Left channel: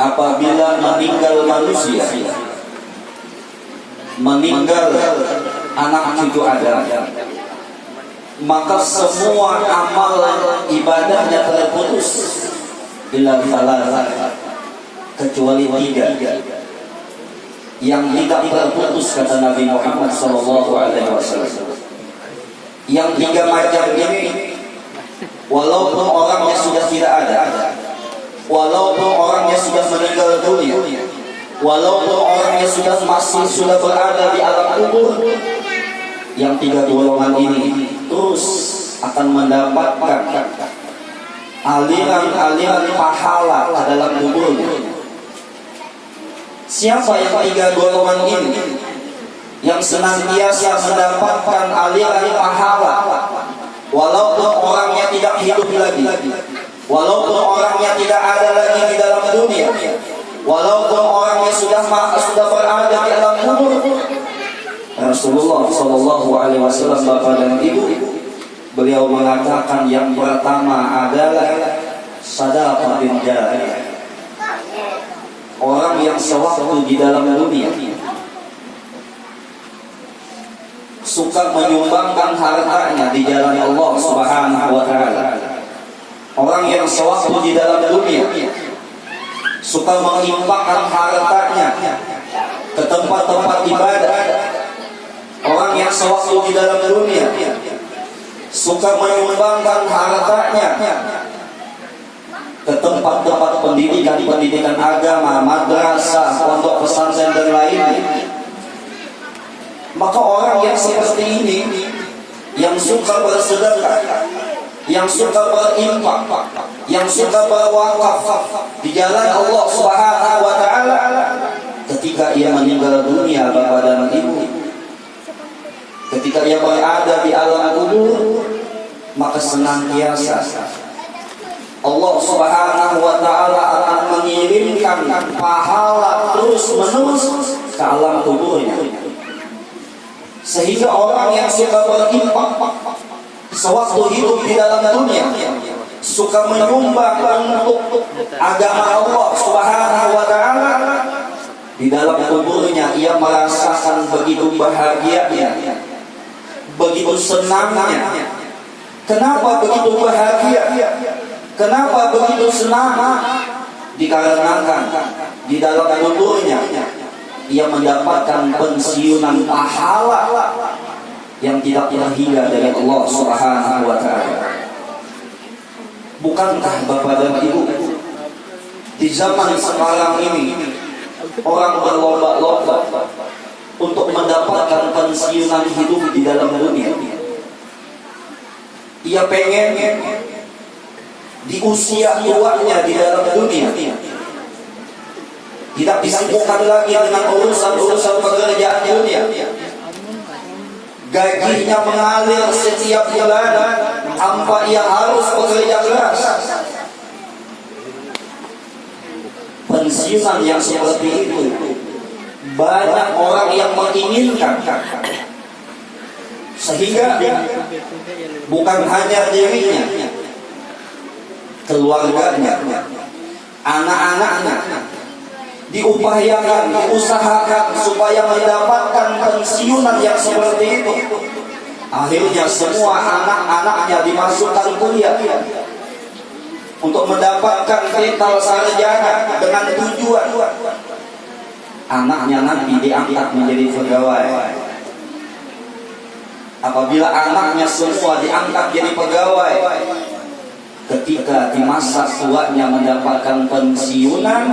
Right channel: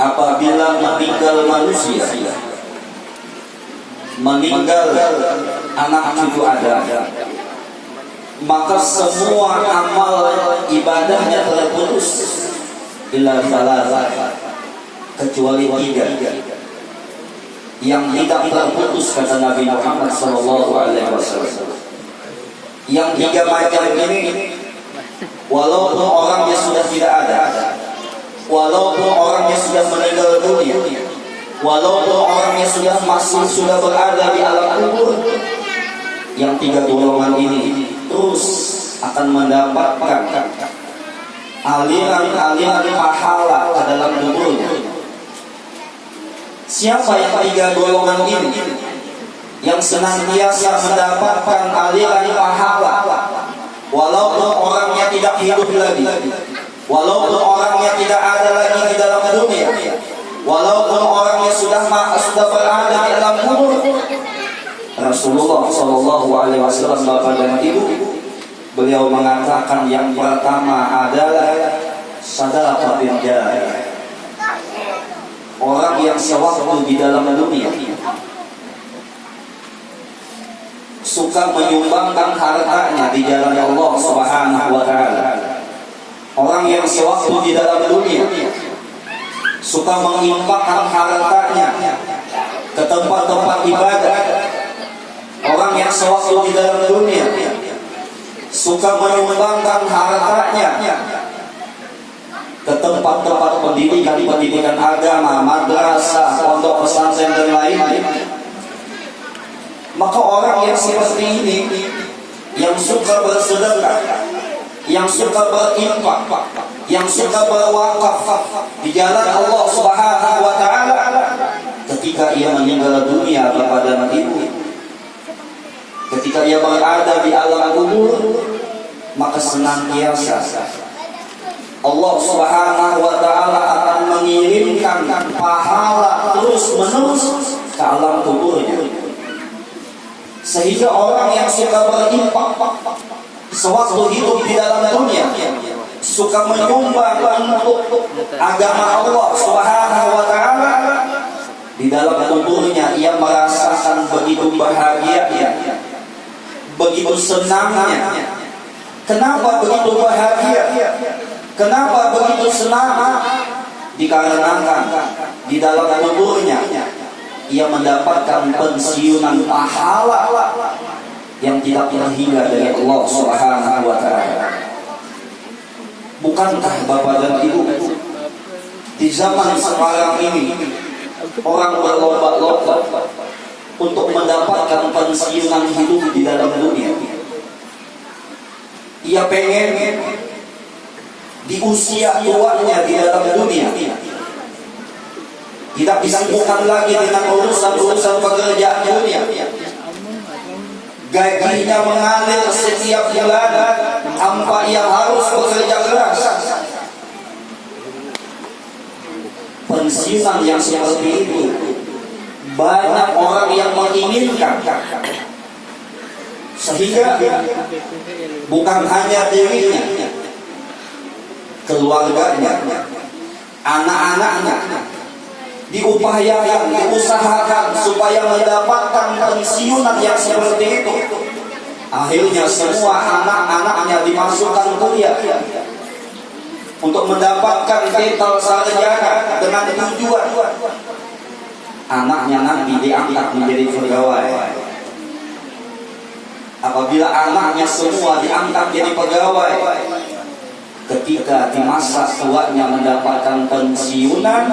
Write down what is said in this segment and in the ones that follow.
apabila meninggal manusia, meninggal anak cucu Adam, maka semua amal ibadahnya terputus illa salah, kecuali tiga yang tidak terputus, kata Nabi Muhammad SAW. Yang tiga macam ini, walaupun orangnya sudah tidak ada, walaupun orangnya sudah meninggal dunia, walaupun orangnya sudah berada di alam kubur, yang tiga golongan ini terus akan mendapatkan aliran-aliran pahala ke dalam tubuhnya. Siapa yang tiga golongan ini yang senantiasa mendapatkan aliran pahala, walaupun orangnya tidak hidup lagi, walaupun orangnya tidak ada lagi di dalam dunia, walaupun orangnya sudah berada di alam kubur. Rasulullah SAW, Bapak dan Ibu, beliau mengatakan yang pertama adalah sadaqatul jariyah, orang yang sewaktu di dalam dunia suka menyumbangkan hartanya di jalan Allah Subhanahu wa taala. Orang yang sewaktu di dalam dunia suka menginfakkan hartanya ke tempat-tempat ibadah. Orang yang sewaktu di dalam dunia suka menyumbangkan hartanya ke tempat-tempat pendidikan agama, madrasah, pondok pesantren dan lainnya. Maka orang yang seperti ini, yang suka bersedekah, yang suka berinfak, yang suka berwakaf di jalan Allah Subhanahu wa taala, ketika ia meninggal dunia, Bapak dan Ibu, ketika ia berada di alam kubur, maka senantiasa Allah Subhanahu wa taala akan mengirimkan pahala terus menerus ke alam kuburnya. Sehingga orang yang suka berinfak sewaktu hidup di dalam dunia, suka menyumbang untuk agama Allah Subhanahu wa taala, di dalam kuburnya ia merasakan begitu bahagianya, begitu senangnya. Kenapa begitu bahagia? Kenapa begitu senang? Dikarenakan di dalam kuburnya ia mendapatkan pensiunan pahala yang tidak terhingga dari Allah Subhanahu wa taala. Bukankah Bapak dan Ibu, di zaman sekarang ini orang berlomba-lomba untuk mendapatkan pensiunan hidup di dalam dunia? Ia pengen di usia tuanya di dalam dunia tidak disibukkan lagi dengan urusan-urusan pekerjaan dunia. Gajinya mengalir setiap bulan tanpa ia harus bekerja keras. Pensiunan yang seperti itu banyak orang yang menginginkan, sehingga bukan hanya dirinya, keluarganya, anak-anaknya diupayakan, diusahakan supaya mendapatkan pensiunan yang seperti itu. Akhirnya semua anak-anaknya dimasukkan kuliah untuk mendapatkan titel sarjana dengan tujuan anaknya nanti diangkat menjadi pegawai. Apabila anaknya semua diangkat jadi pegawai, ketika di masa tuanya mendapatkan pensiunan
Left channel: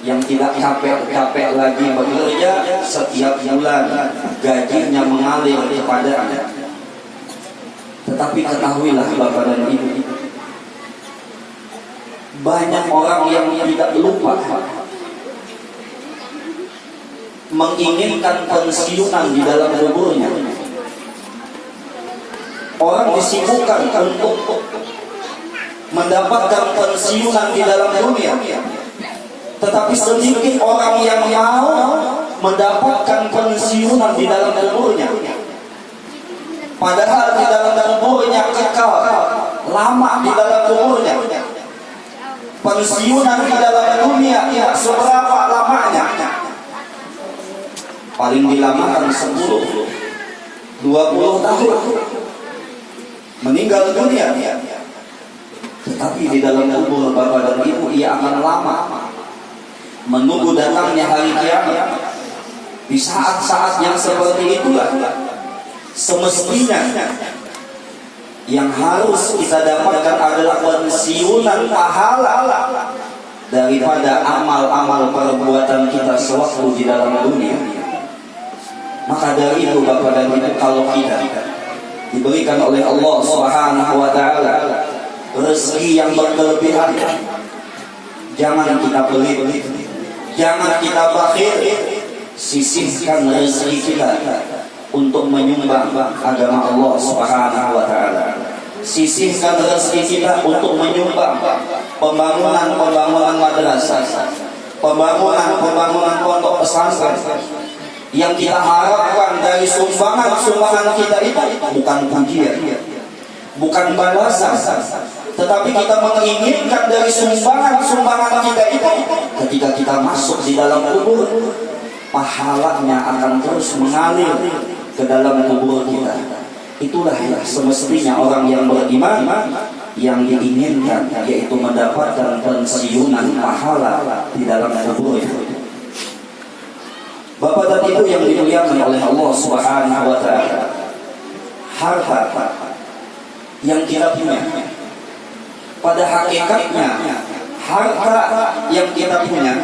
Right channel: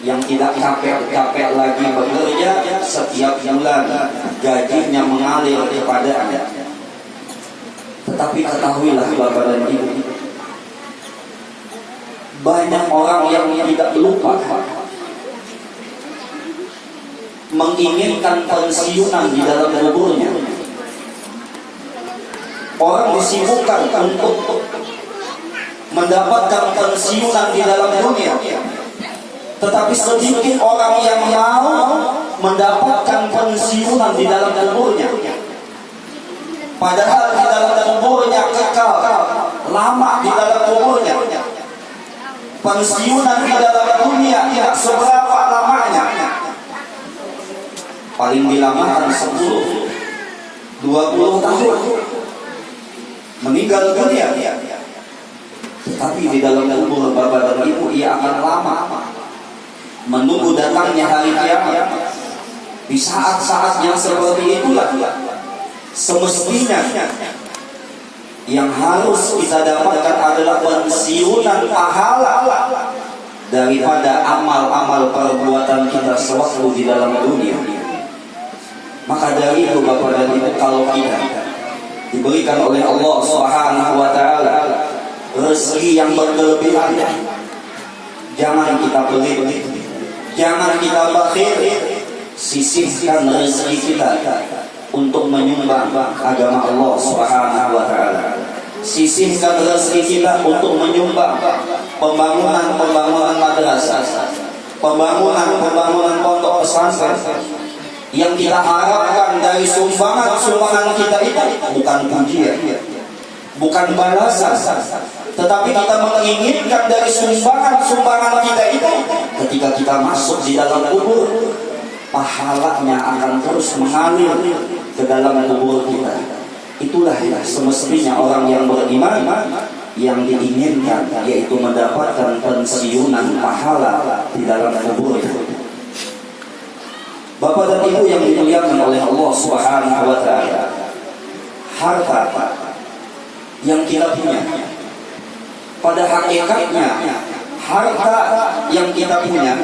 yang tidak capek-capek lagi bekerja, setiap bulan gajinya mengalir kepadanya. Tetapi ketahuilah Bapak dan Ibu, banyak orang yang tidak lupa menginginkan pensiunan di dalam kuburnya. Orang disibukkan untuk mendapatkan pensiunan di dalam dunia, tetapi sedikit orang yang mau mendapatkan pensiunan di dalam kuburnya. Padahal di dalam kuburnya kekal, lama di dalam kuburnya. pensiunan di dalam dunia tidak seberapa lamanya. Paling dilamakan 10-20 tahun meninggal dunia. Tetapi di dalam kubur Bapak dan Ibu ia akan lama menunggu datangnya hari kiamat. Di saat-saat yang seperti itulah semestinya yang harus kita dapatkan adalah pensiunan pahala daripada amal-amal perbuatan kita sewaktu di dalam dunia. Maka dari itu Bapak dan Ibu, kalau kita diberikan oleh Allah Subhanahu wa taala rezeki yang berkelebihan, jangan kita pelit, jangan kita bakhil. Sisihkan rezeki kita untuk menyumbang agama Allah Subhanahu wa taala. Sisihkan rezeki kita untuk menyumbang pembangunan madrasah, pembangunan pondok pesantren. Yang kita harapkan dari sumbangan kita itu bukan pujian, bukan balasan, tetapi kita menginginkan dari sumbangan kita itu ketika kita masuk di dalam kubur, pahalanya akan terus mengalir ke dalam kubur kita. Itulah ya semestinya orang yang beriman yang diinginkan, yaitu mendapatkan pensiunan pahala di dalam kubur itu. Bapak dan Ibu yang dimuliakan oleh Allah Subhanahu wa taala, harta yang kita punya pada hakikatnya, harta yang kita punya,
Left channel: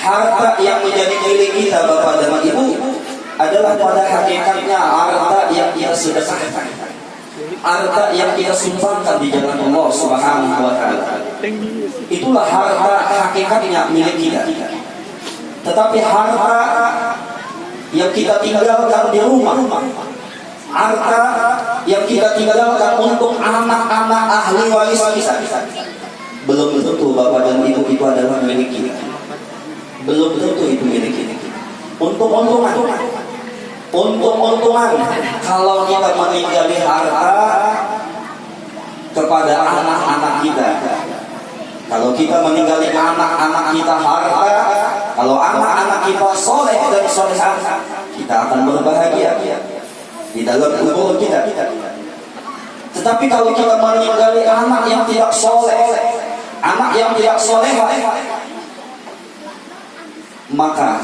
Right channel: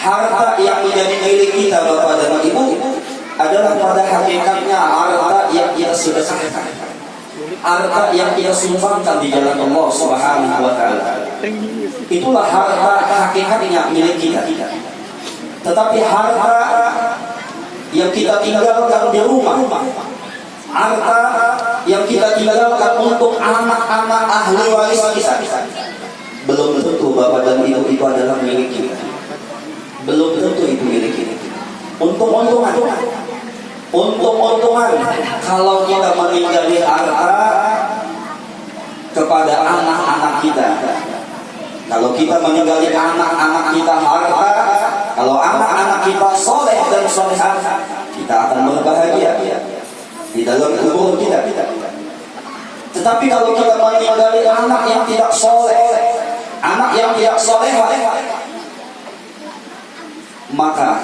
harta yang menjadi milik kita Bapak dan Ibu adalah pada hakikatnya harta yang kita sedekahkan, harta yang kita sumbangkan di jalan Allah Subhanahu wa taala. Itulah harta hakikatnya milik kita. Tetapi harta yang kita tinggalkan di rumah, harta yang kita tinggalkan untuk anak-anak ahli waris kita, belum tentu Bapak dan Ibu itu adalah milik kita. Belum tentu itu milik kita. Untung-untungan kalau kita meninggali harta kepada anak-anak kita. Kalau kita meninggali anak-anak kita harta, kalau anak-anak kita soleh dan solehah, kita akan berbahagia di dalam kubur kita. Tetapi kalau kita meninggali anak yang tidak soleh, anak yang tidak soleh, maka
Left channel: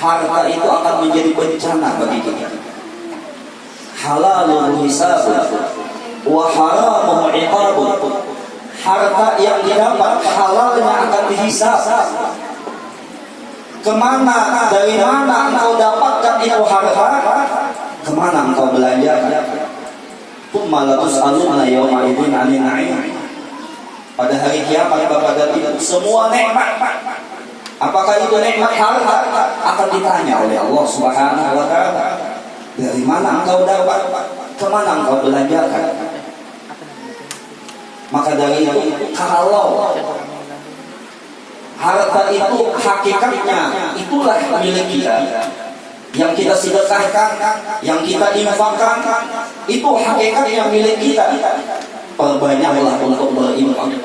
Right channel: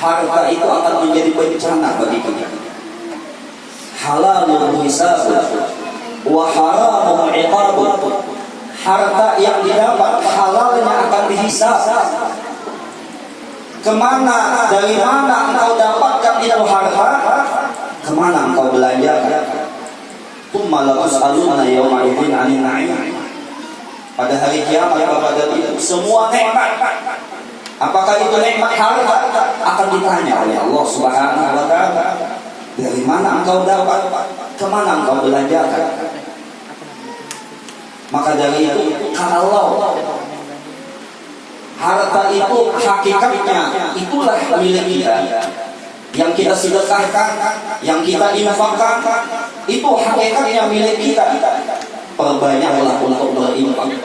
harta itu akan menjadi bencana bagi kita. Halalul hisab wa haramul iqab. Harta yang didapat halalnya akan dihisab. Kemana, dari mana engkau dapatkan itu harta? Kemana engkau belanja? Tsumma la tus'aluna yawma idzin 'anil na'im. Pada hari kiamat Bapak dan Ibu, semua nikmat, apakah itu nikmat harta, akan ditanya oleh Allah Subhanahu wa taala. Dari mana engkau dapat? Kemana engkau belanjakan? Maka dari itu, kalau harta itu hakikatnya itulah milik kita, yang kita sedekahkan, yang kita infakkan, itu hakikatnya milik kita. Perbanyaklah untuk berinfak,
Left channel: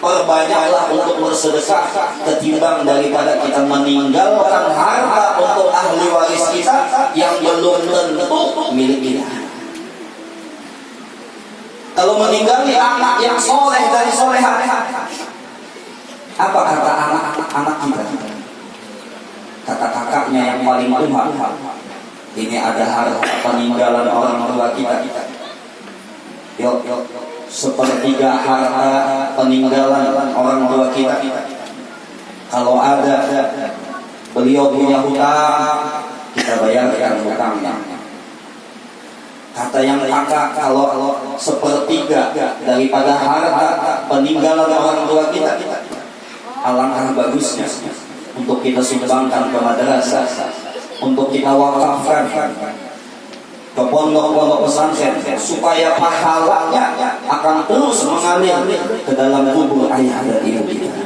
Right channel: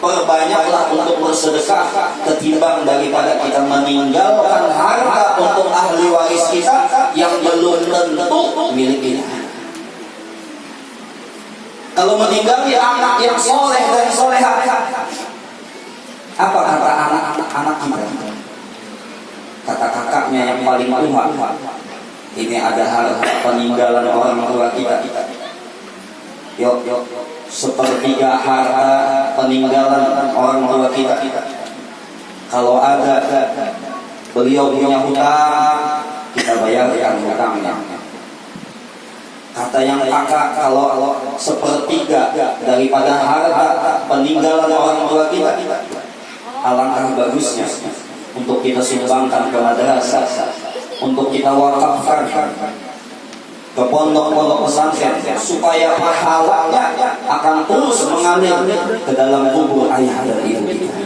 perbanyaklah untuk bersedekah, ketimbang daripada kita meninggalkan harta untuk ahli waris kita yang belum tentu milik kita. Kalau meninggali anak yang soleh dan solehah, apa kata anak-anak kita? Kata kakaknya yang paling tua, ini ada harta peninggalan orang tua kita. Yuk, sepertiga harta peninggalan orang tua kita. Kalau ada beliau punya hutang, kita bayarkan hutangnya. Kata yang kakak, kalau sepertiga daripada harta peninggalan orang tua kita, alangkah bagusnya untuk kita sumbangkan ke madrasah, untuk kita wakafkan ke pondok-pondok pesantren, supaya pahalanya akan terus mengalir ke dalam kubur ayah dan ibu kita.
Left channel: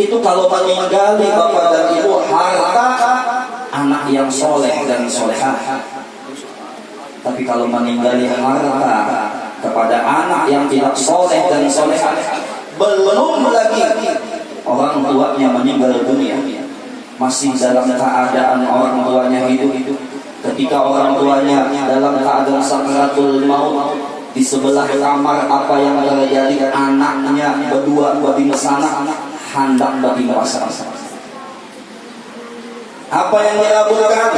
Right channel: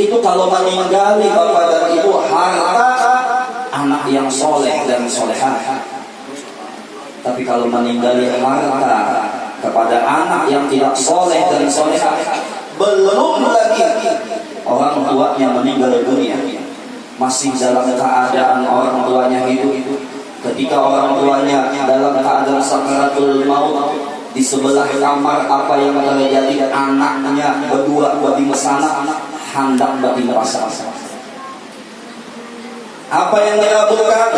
Itu kalau meninggali Bapak dan Ibu harta anak yang soleh dan solehah. Tapi kalau meninggali harta kepada anak yang tidak soleh dan solehah, belum lagi orang tuanya meninggal dunia, masih dalam keadaan orang tuanya hidup. Ketika orang tuanya dalam keadaan sakaratul maut, di sebelah kamar apa yang terjadi? Anaknya berdua di sana hendak bagi merasa. Apa yang dilakukan?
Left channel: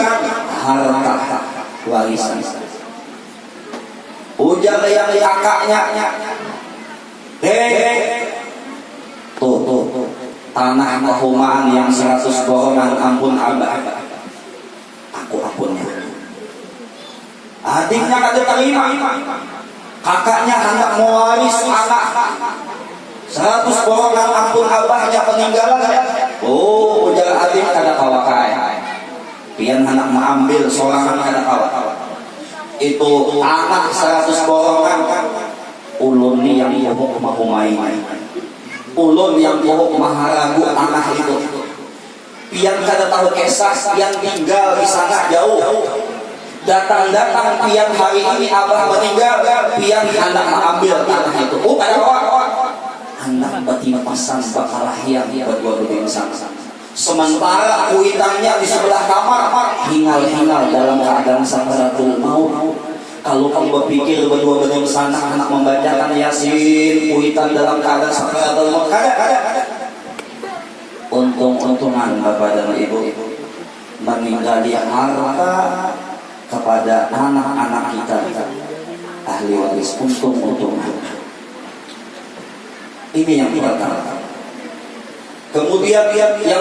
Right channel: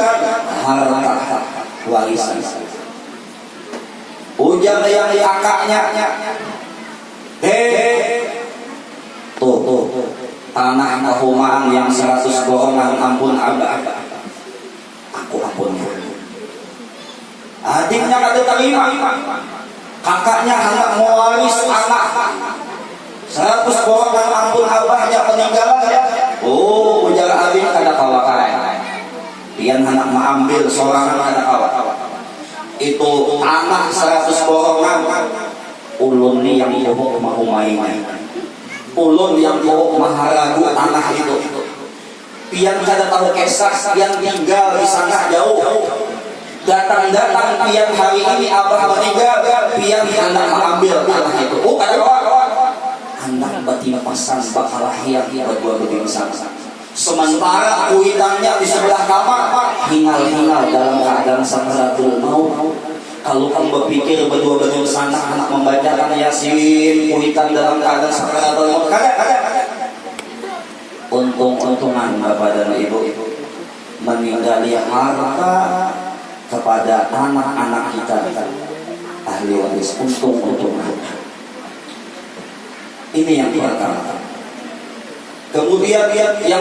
Harta warisan. Ujar yang kakaknya, tuh tanah pahumaan yang 100 golongan, ampun abah, aku ampun. Adiknya kata terima, kakaknya hendak mewaris anak 100 golongan, ampun abahnya peninggalan. Oh, ujar adik kada kawakai, pian hendak mengambil seorang kada kawak. Itu anak 100 golongan, ulun yang pohok mahumai, ulun yang pohok maharagu anak itu. Pian kada tahu kisah, pian tinggal di sana jauh. Datang pian hari ini abah meninggal, pian hendak mengambil anak itu. Oh, kada hendak batin pasang bakal lahir buat lebih besar. Sementara kuitannya di sebelah kamar, hingal-hingal dalam keadaan sakaratul maut. Kalau kamu berpikir berdua sana anak membacakan Yasin, kuitan dalam keadaan sakaratul maut, kada. Untung-untungan bapak dan ibu meninggali harta kepada anak-anak kita, ahli waris. Untung-untungan. Ini yang pertama. Kemudian yang